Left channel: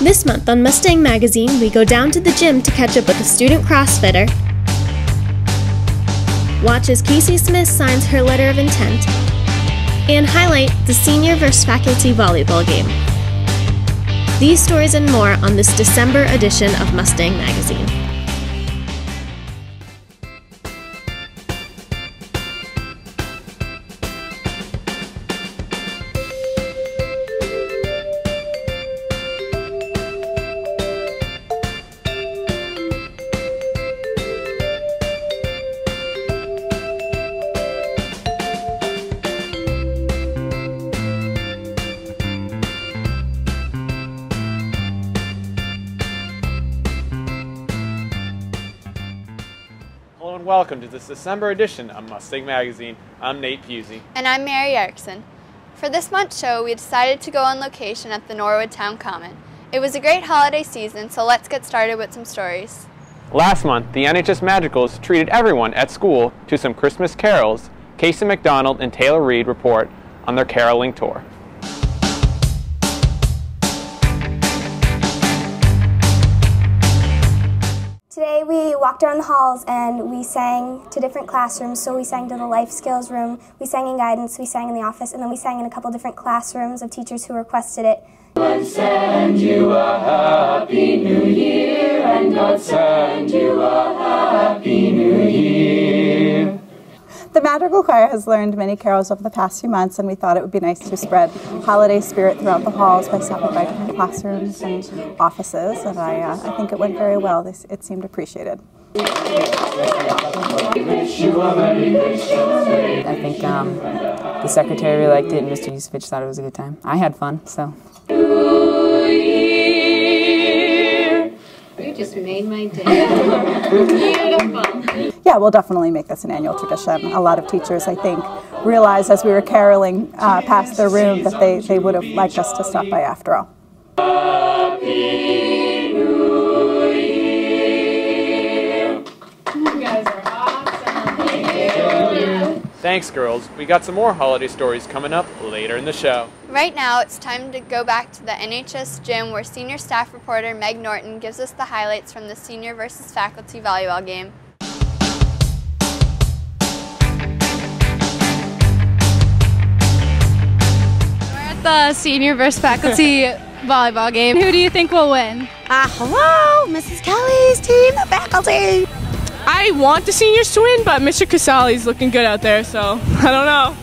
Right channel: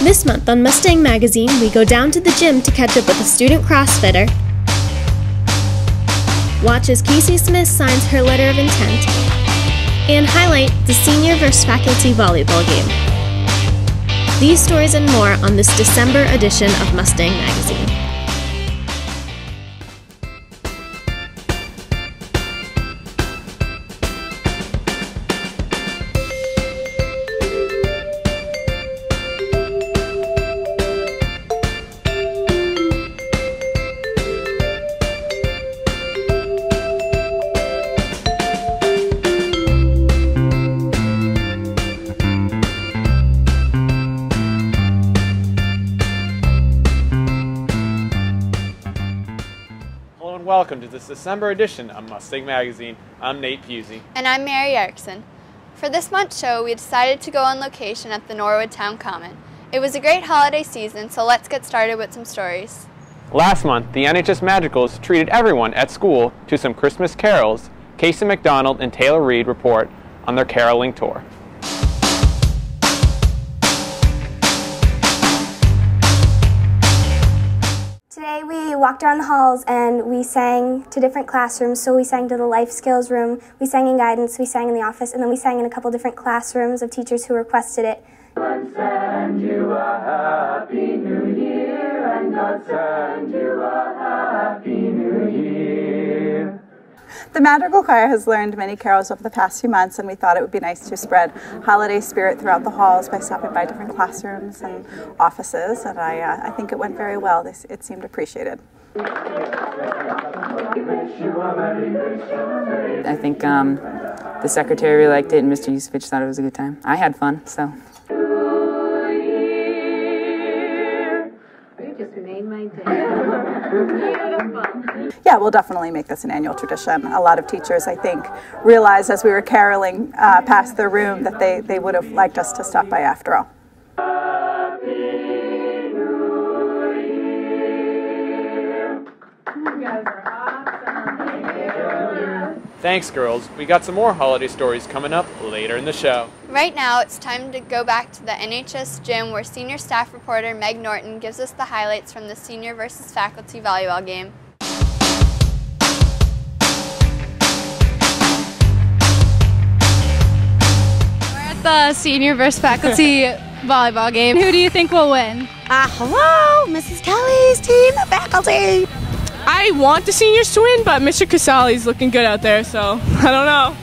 This month on Mustang Magazine, we go down to the gym to catch up with a student CrossFitter, watch as Casey Smith signs her letter of intent, and highlight the senior versus faculty volleyball game. These stories and more on this December edition of Mustang Magazine. Welcome to this December edition of Mustang Magazine. I'm Nate Pusey. And I'm Mary Erickson. For this month's show, we decided to go on location at the Norwood Town Common. It was a great holiday season, so let's get started with some stories. Last month, the NHS Magicals treated everyone at school to some Christmas carols. Casey McDonald and Taylor Reed report on their caroling tour. Today we walked around the halls and we sang to different classrooms. So we sang to the life skills room, we sang in guidance, we sang in the office, and then we sang in a couple different classrooms of teachers who requested it. God send you a happy new year, and God send you a happy new year. The Madrigal Choir has learned many carols over the past few months, and we thought it would be nice to spread holiday spirit throughout the halls by stopping by different classrooms and offices, and I think it went very well. It seemed appreciated. I think the secretary really liked it, and Mr. Yusevich thought it was a good time. I had fun, so. You just made my day. Beautiful. Yeah, we'll definitely make this an annual tradition. A lot of teachers, I think, realized as we were caroling past their room that they would have liked us to stop by after all. Happy New Year. You guys are awesome. Thank you. Thanks, girls. We got some more holiday stories coming up later in the show. Right now, it's time to go back to the NHS gym where senior staff reporter Meg Norton gives us the highlights from the senior versus faculty volleyball game. The senior versus faculty volleyball game. Who do you think will win? Hello, Mrs. Kelly's team, the faculty. I want the seniors to win, but Mr. Casali's looking good out there, so I don't know.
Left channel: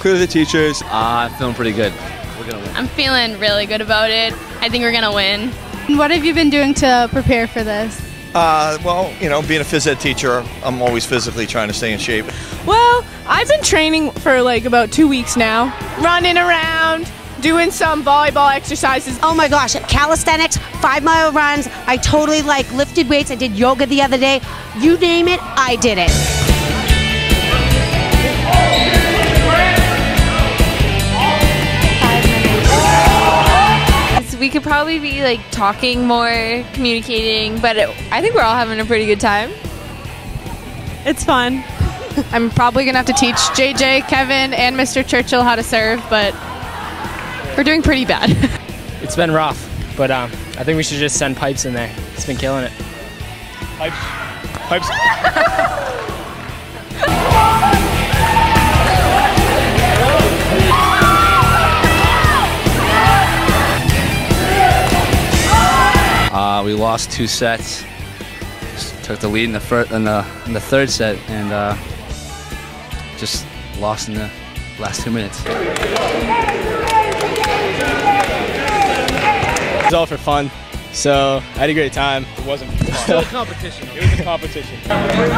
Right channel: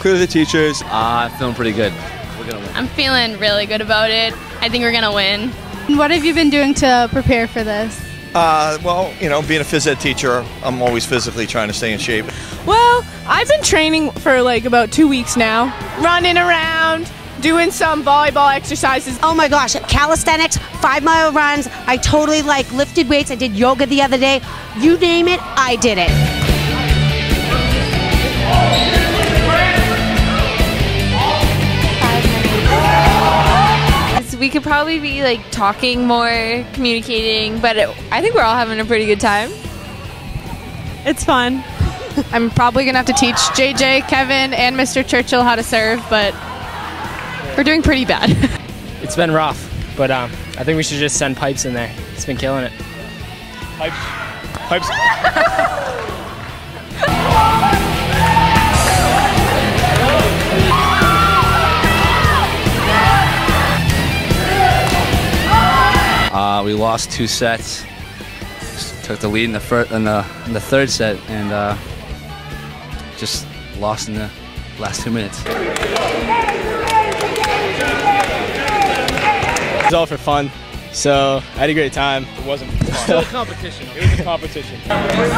Clearly the teachers. I'm feeling pretty good. We're gonna win. I'm feeling really good about it. I think we're gonna win. What have you been doing to prepare for this? Well, you know, being a phys ed teacher, I'm always physically trying to stay in shape. Well, I've been training for like about 2 weeks now. Running around, doing some volleyball exercises. Oh my gosh, calisthenics, 5-mile runs. I totally lifted weights. I did yoga the other day. You name it, I did it. We could probably be talking more, communicating, but I think we're all having a pretty good time. It's fun. I'm probably gonna have to teach JJ, Kevin, and Mr. Churchill how to serve, but we're doing pretty bad. It's been rough, but I think we should just send Pipes in there. He's been killing it. Pipes. We lost 2 sets. Just took the lead in the third set, and just lost in the last 2 minutes. It was all for fun, so I had a great time. It wasn't fun. Still a competition. It was a competition. 1, 2, 3,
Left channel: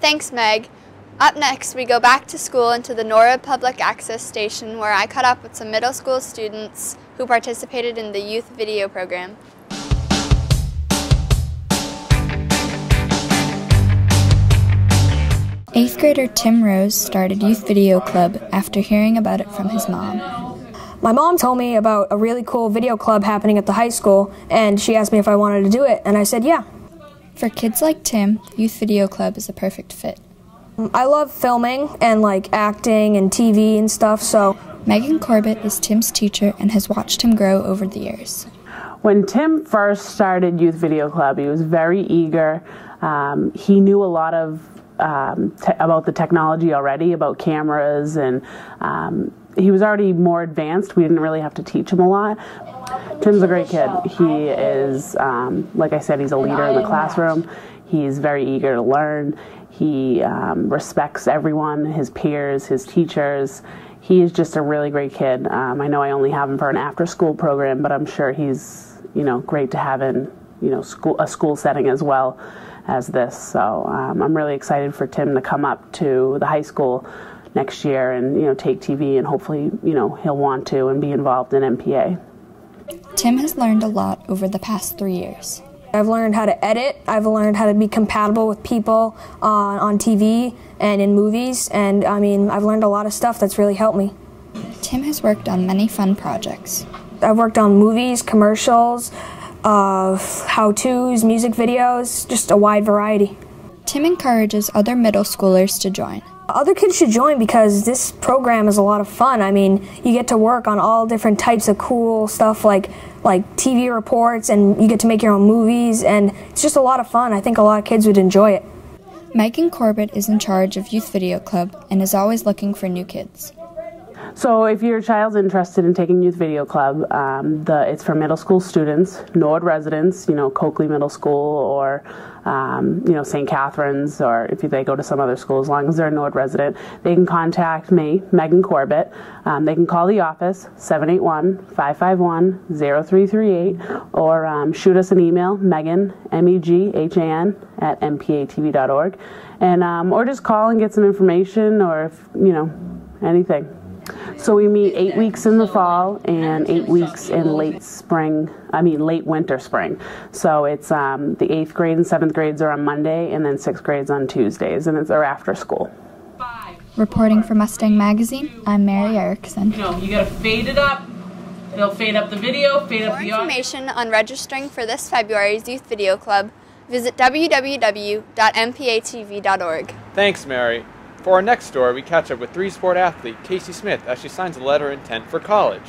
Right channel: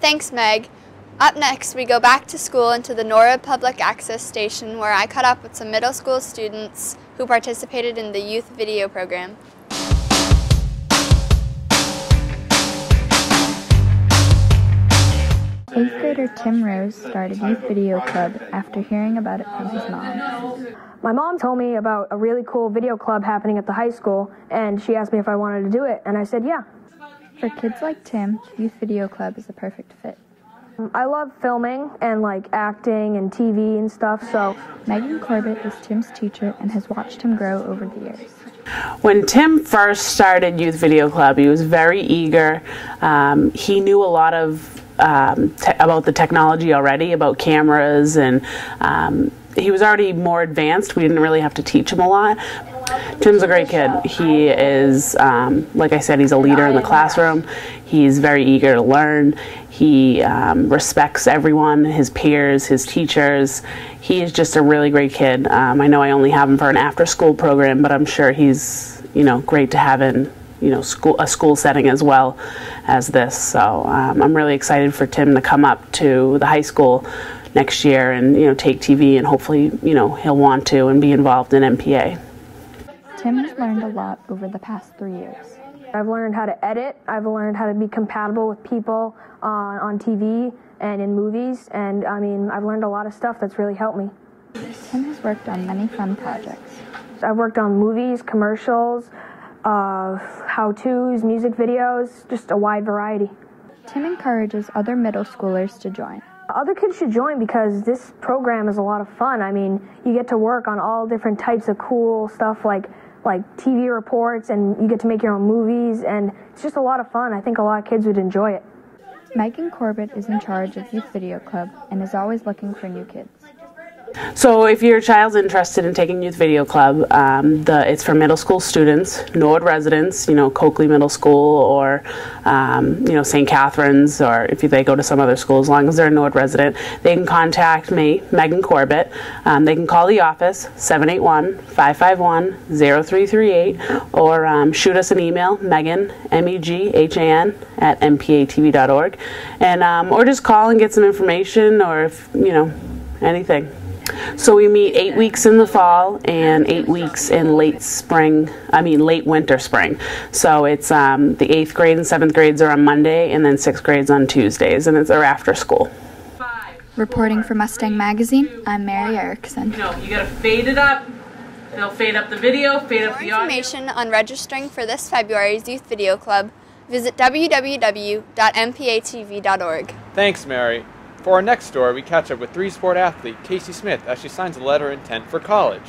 Thanks, Meg. Up next, we go back to school into the Norwood Public Access Station where I caught up with some middle school students who participated in the youth video program. Eighth grader Tim Rose started Youth Video Club after hearing about it from his mom. My mom told me about a really cool video club happening at the high school, and she asked me if I wanted to do it, and I said yeah. For kids like Tim, Youth Video Club is a perfect fit. I love filming and like acting and TV and stuff, so. Megan Corbett is Tim's teacher and has watched him grow over the years. When Tim first started Youth Video Club, he was very eager. He knew a lot of about the technology already, about cameras, and he was already more advanced. We didn't really have to teach him a lot. Tim's a great kid. He is, like I said, he's a leader in the classroom. He's very eager to learn. He respects everyone, his peers, his teachers. He is just a really great kid. I know I only have him for an after-school program, but I'm sure he's, great to have in, a school setting as well as this. So I'm really excited for Tim to come up to the high school next year and, take TV, and hopefully, he'll want to and be involved in MPA. Tim has learned a lot over the past 3 years. I've learned how to edit, I've learned how to be compatible with people on TV and in movies, and I've learned a lot of stuff that's really helped me. Tim has worked on many fun projects. I've worked on movies, commercials, how-tos, music videos, just a wide variety. Tim encourages other middle schoolers to join. Other kids should join because this program is a lot of fun. You get to work on all different types of cool stuff like TV reports, and you get to make your own movies, and it's just a lot of fun. I think a lot of kids would enjoy it. Megan Corbett is in charge of Youth Video Club and is always looking for new kids. So if your child's interested in taking Youth Video Club, it's for middle school students, Nord residents, Coakley Middle School or, St. Catherine's, or if they go to some other school, as long as they're a Nord resident, they can contact me, Megan Corbett. They can call the office, 781-551-0338, or shoot us an email, Megan, M-E-G-H-A-N, at mpatv.org, and, or just call and get some information, or if, anything. So we meet 8 weeks in the fall and 8 weeks in late winter, spring. So it's the 8th grade and 7th grades are on Monday, and then 6th grades on Tuesdays, and they're after school. Reporting for Mustang Magazine, I'm Mary Erickson. You gotta fade it up. They'll fade up the video, fade up the audio. For more information on registering for this February's Youth Video Club, visit www.mpatv.org. Thanks, Mary. For our next story, we catch up with three-sport athlete Casey Smith as she signs a letter of intent for college.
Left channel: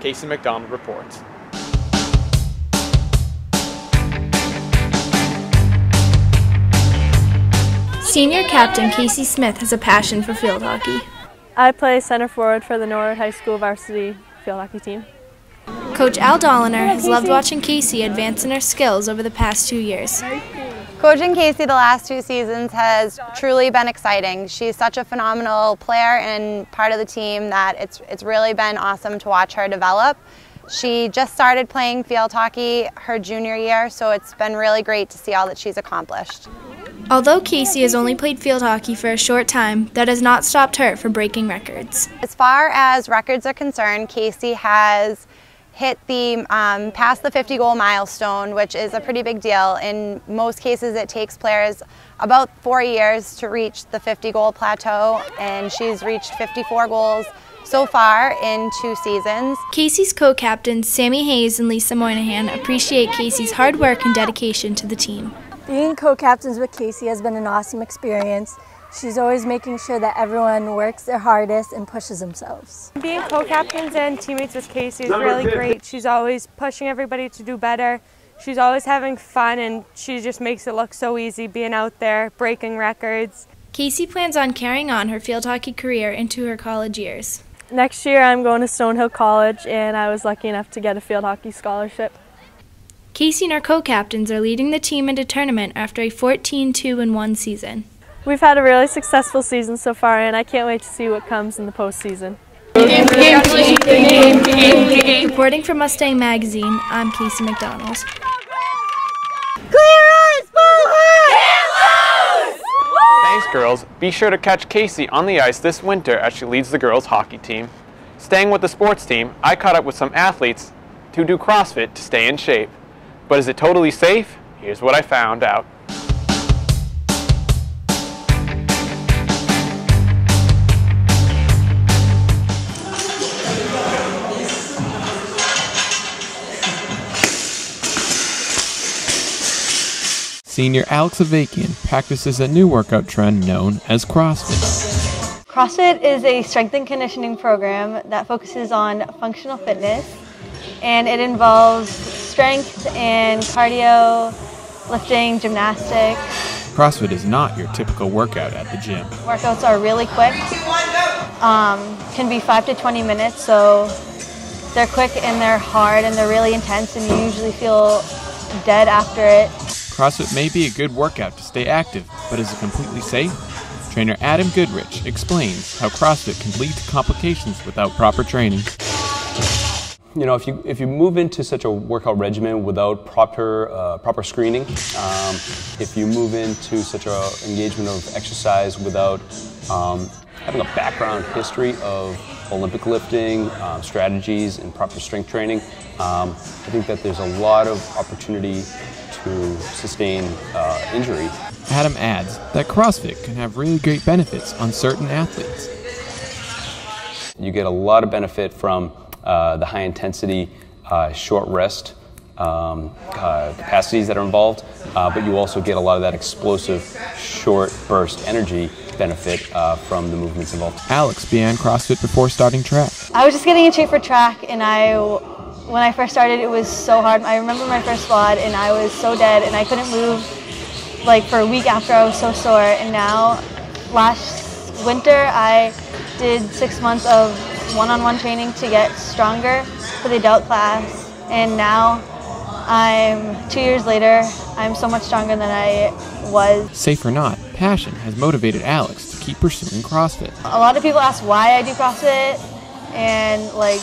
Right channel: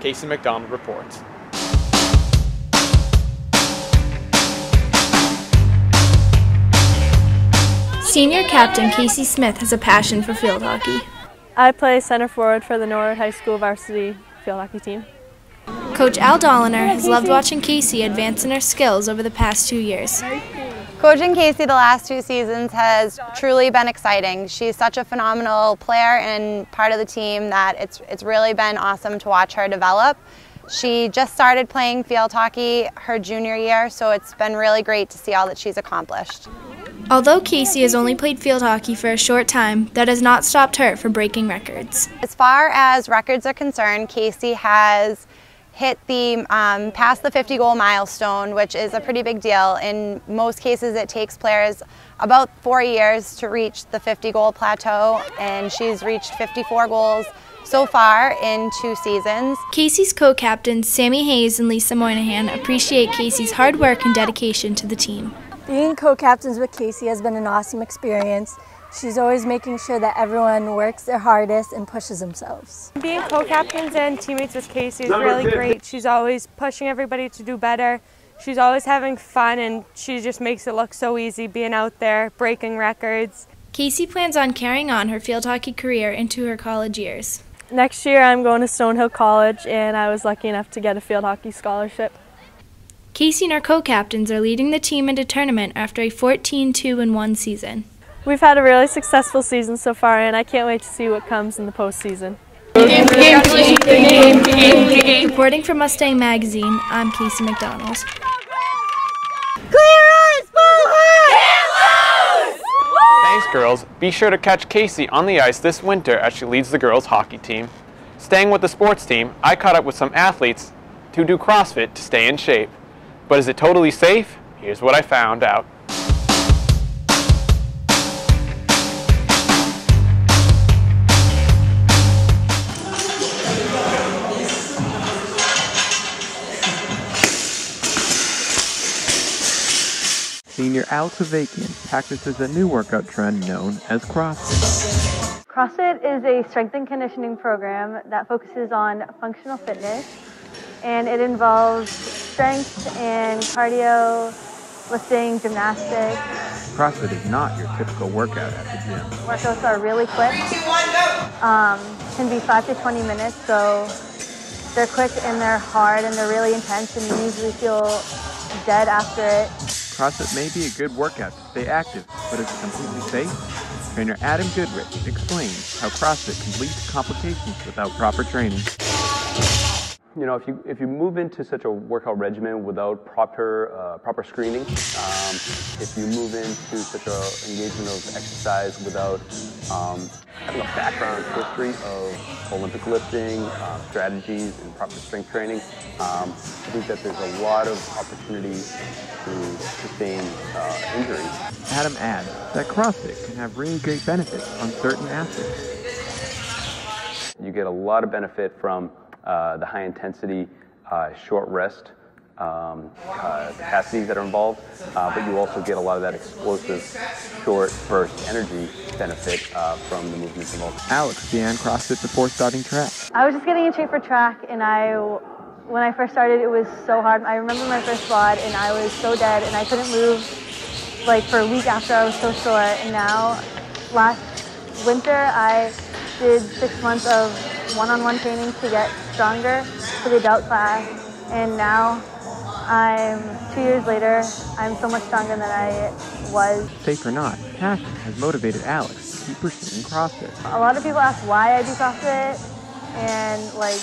Casey McDonald reports. Senior captain Casey Smith has a passion for field hockey. I play center forward for the Norwood High School varsity field hockey team. Coach Al Dolliner has loved watching Casey advance in her skills over the past 2 years. Coaching Casey the last 2 seasons has truly been exciting. She's such a phenomenal player and part of the team that it's really been awesome to watch her develop. She just started playing field hockey her junior year, so it's been really great to see all that she's accomplished. Although Casey has only played field hockey for a short time, that has not stopped her from breaking records. As far as records are concerned, Casey has hit the past the 50-goal milestone, which is a pretty big deal. In most cases, it takes players about 4 years to reach the 50-goal plateau, and she's reached 54 goals so far in 2 seasons. Casey's co-captains Sammy Hayes and Lisa Moynihan appreciate Casey's hard work and dedication to the team. Being co-captains with Casey has been an awesome experience. She's always making sure that everyone works their hardest and pushes themselves. Being co-captains and teammates with Casey is really great. She's always pushing everybody to do better. She's always having fun, and she just makes it look so easy being out there, breaking records. Casey plans on carrying on her field hockey career into her college years. Next year I'm going to Stonehill College, and I was lucky enough to get a field hockey scholarship. Casey and her co-captains are leading the team into tournament after a 14-2-1 season. We've had a really successful season so far, and I can't wait to see what comes in the postseason. Reporting for Mustang Magazine, I'm Casey McDonald. Thanks, girls. Be sure to catch Casey on the ice this winter as she leads the girls' hockey team. Staying with the sports team, I caught up with some athletes who do CrossFit to stay in shape. But is it totally safe? Here's what I found out. senior Alex Avakian practices a new workout trend known as CrossFit. CrossFit is a strength and conditioning program that focuses on functional fitness, and it involves strength and cardio, lifting, gymnastics. CrossFit is not your typical workout at the gym. Workouts are really quick, can be 5 to 20 minutes, so they're quick and they're hard and they're really intense, and you usually feel dead after it. CrossFit may be a good workout to stay active, but is it completely safe? Trainer Adam Goodrich explains how CrossFit can lead to complications without proper training. You know, if you move into such a workout regimen without proper screening, if you move into such an engagement of exercise without having a background history of Olympic lifting, strategies, and proper strength training, I think that there's a lot of opportunity to sustain injury. Adam adds that CrossFit can have really great benefits on certain athletes. You get a lot of benefit from the high intensity, short rest capacities that are involved, but you also get a lot of that explosive, short burst energy benefit from the movements involved. Alex began CrossFit before starting track. I was just getting in shape for track, and when I first started, it was so hard. I remember my first squat, and I was so dead, and I couldn't move like for a week after. I was so sore, and now last winter I did 6 months of one-on-one training to get stronger for the adult class, and now 2 years later, I'm so much stronger than I was. Safe or not, passion has motivated Alex to keep pursuing CrossFit. A lot of people ask why I do CrossFit and like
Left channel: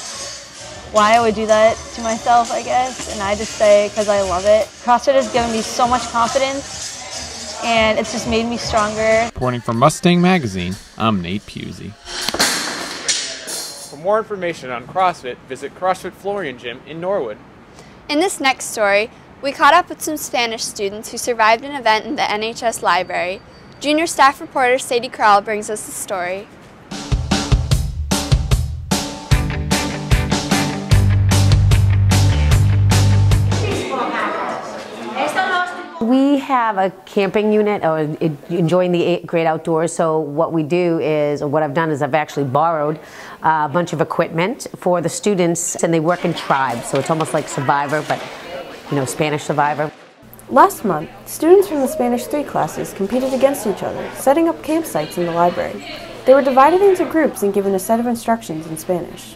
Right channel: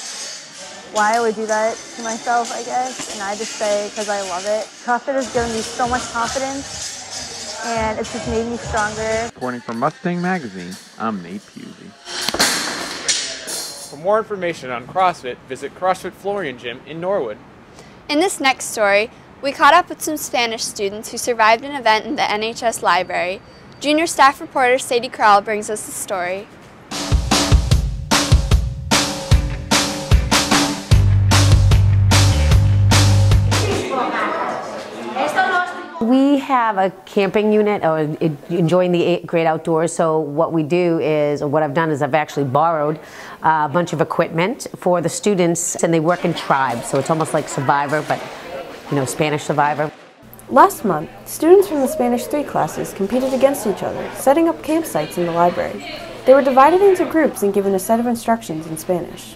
why I would do that to myself, I guess, and I just say because I love it. CrossFit has given me so much confidence, and it's just made me stronger. Reporting for Mustang Magazine, I'm Nate Pusey. For more information on CrossFit, visit CrossFit Florian Gym in Norwood. In this next story, we caught up with some Spanish students who survived an event in the NHS library. Junior staff reporter Sadie Krall brings us the story. We have a camping unit, or enjoying the great outdoors, so what we do is, or what I've done is I've actually borrowed a bunch of equipment for the students, and they work in tribes, so it's almost like Survivor, but, you know, Spanish Survivor. Last month, students from the Spanish 3 classes competed against each other, setting up campsites in the library. They were divided into groups and given a set of instructions in Spanish.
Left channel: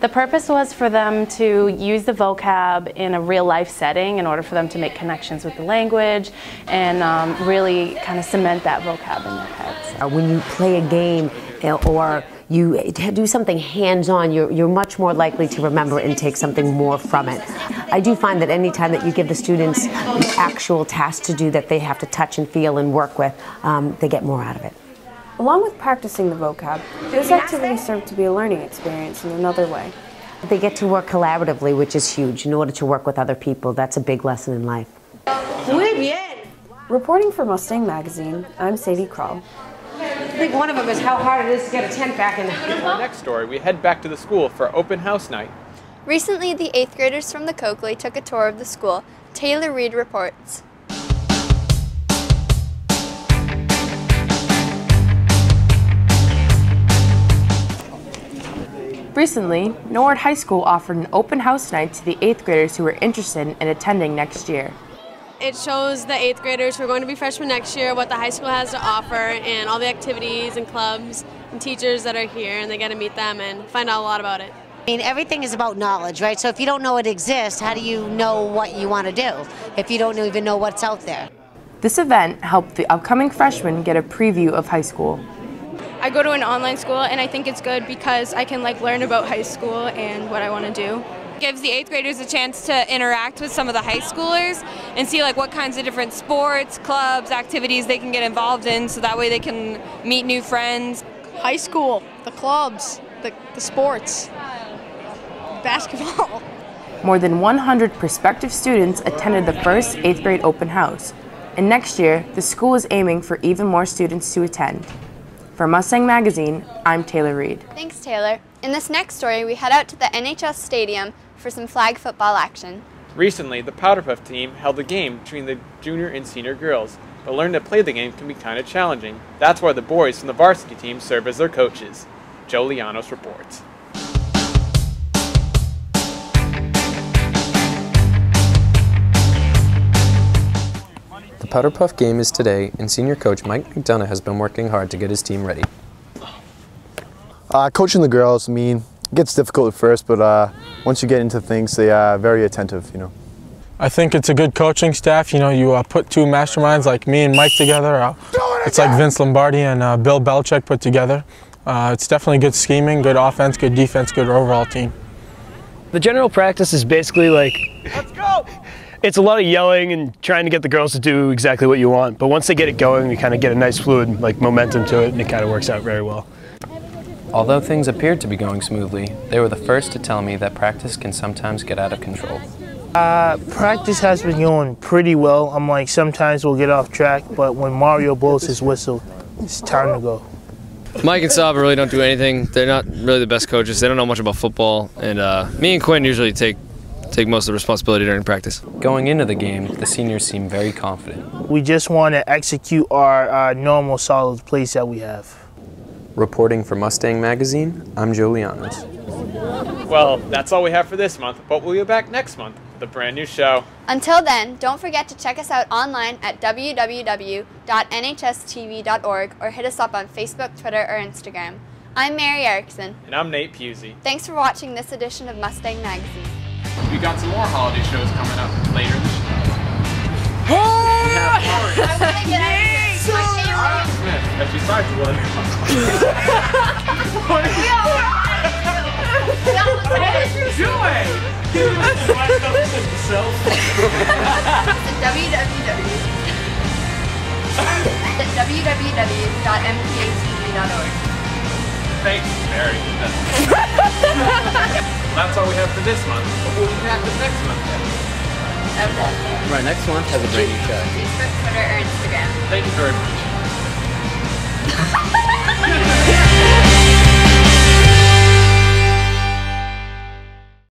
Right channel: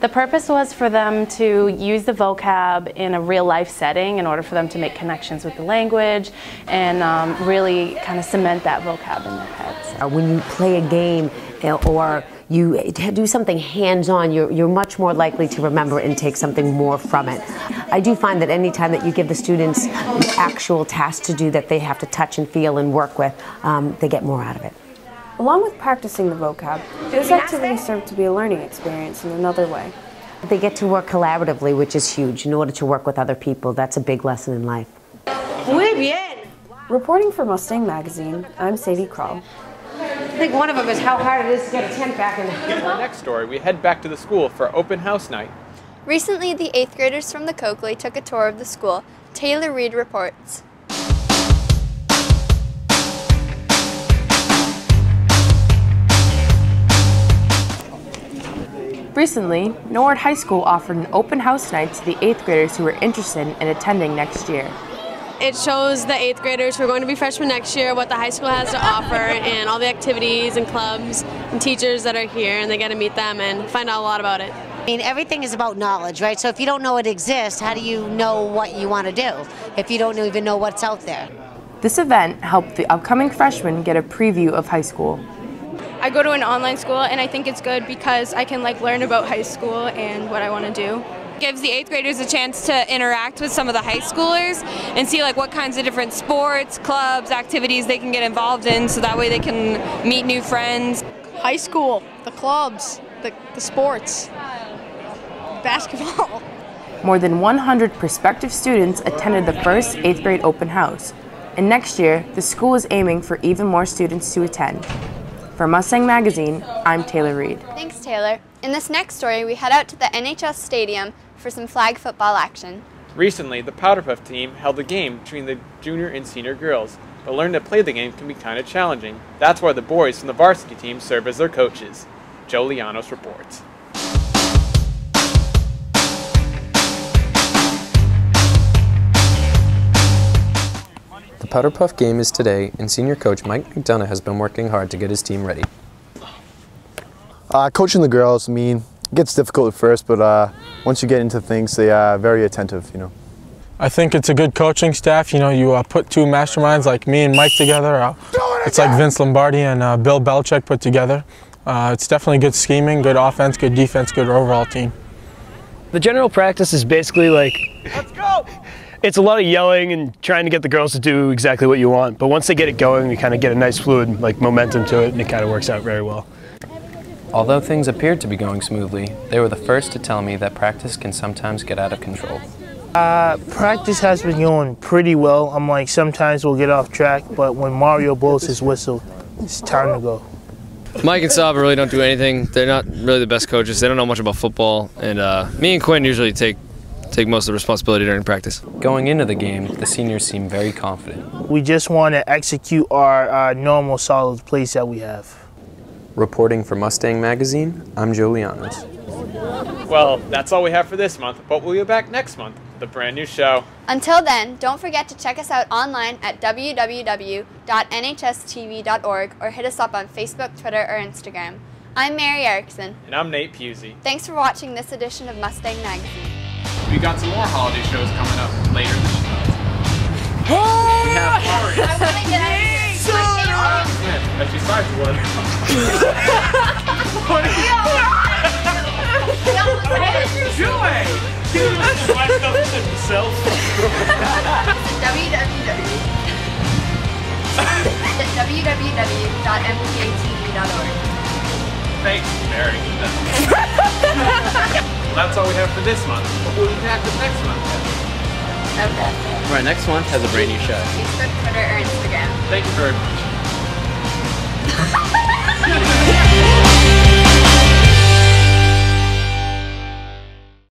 The purpose was for them to use the vocab in a real-life setting in order for them to make connections with the language and really kind of cement that vocab in their heads. When you play a game or you do something hands-on, you're much more likely to remember and take something more from it. I do find that any time that you give the students an actual task to do that they have to touch and feel and work with, they get more out of it. Along with practicing the vocab, this activity served to be a learning experience in another way. They get to work collaboratively, which is huge. In order to work with other people, that's a big lesson in life. Muy bien. Reporting for Mustang Magazine, I'm Sadie Krall. I think one of them is how hard it is to get a tent back in. In our next story, we head back to the school for open house night. Recently, the 8th graders from the Coakley took a tour of the school. Taylor Reed reports. Recently, Norwood High School offered an open house night to the 8th graders who were interested in attending next year. It shows the 8th graders who are going to be freshmen next year what the high school has to offer and all the activities and clubs and teachers that are here, and they get to meet them and find out a lot about it. I mean, everything is about knowledge, right? So if you don't know it exists, how do you know what you want to do if you don't even know what's out there? This event helped the upcoming freshmen get a preview of high school. I go to an online school, and I think it's good because I can learn about high school and what I want to do. It gives the 8th graders a chance to interact with some of the high schoolers and see what kinds of different sports, clubs, activities they can get involved in, so that way they can meet new friends. High school, the clubs, the sports, basketball. More than 100 prospective students attended the first 8th grade open house, and next year the school is aiming for even more students to attend. For Mustang Magazine, I'm Taylor Reed. Thanks, Taylor. In this next story, we head out to the NHS Stadium for some flag football action. Recently, the Powderpuff team held a game between the junior and senior girls, but learned that play the game can be kind of challenging. That's why the boys from the varsity team serve as their coaches. Joe Lianos reports. The Powderpuff game is today, and senior coach Mike McDonough has been working hard to get his team ready. Coaching the girls, it gets difficult at first, but once you get into things, they are very attentive, I think it's a good coaching staff. You put two masterminds like me and Mike together. It's like Vince Lombardi and Bill Belichick put together. It's definitely good scheming, good offense, good defense, good overall team. The general practice is basically like, let's go! It's a lot of yelling and trying to get the girls to do exactly what you want. But once they get it going, we kind of get a nice fluid momentum to it, and it kind of works out very well. Although things appeared to be going smoothly, they were the first to tell me that practice can sometimes get out of control. Practice has been going pretty well. Sometimes we'll get off track, but when Mario blows his whistle, it's time to go. Mike and Saba really don't do anything. They're not really the best coaches. They don't know much about football, and me and Quinn usually take most of the responsibility during practice. Going into the game, the seniors seem very confident. We just want to execute our normal solid plays that we have. Reporting for Mustang Magazine, I'm Joe Lianos. Well, that's all we have for this month, but we'll be back next month with a brand new show. Until then, don't forget to check us out online at www.nhstv.org or hit us up on Facebook, Twitter, or Instagram. I'm Mary Erickson. And I'm Nate Pusey. Thanks for watching this edition of Mustang Magazine. We got some more holiday shows coming up later this year. I want to get out of here. As she starts one. What are you doing? www.mpatv.org. Thanks, Mary. That's all we have for this month. But we'll be back with next month. Right, next month has a brand new show. Facebook, Twitter, or Instagram. Thank you very much.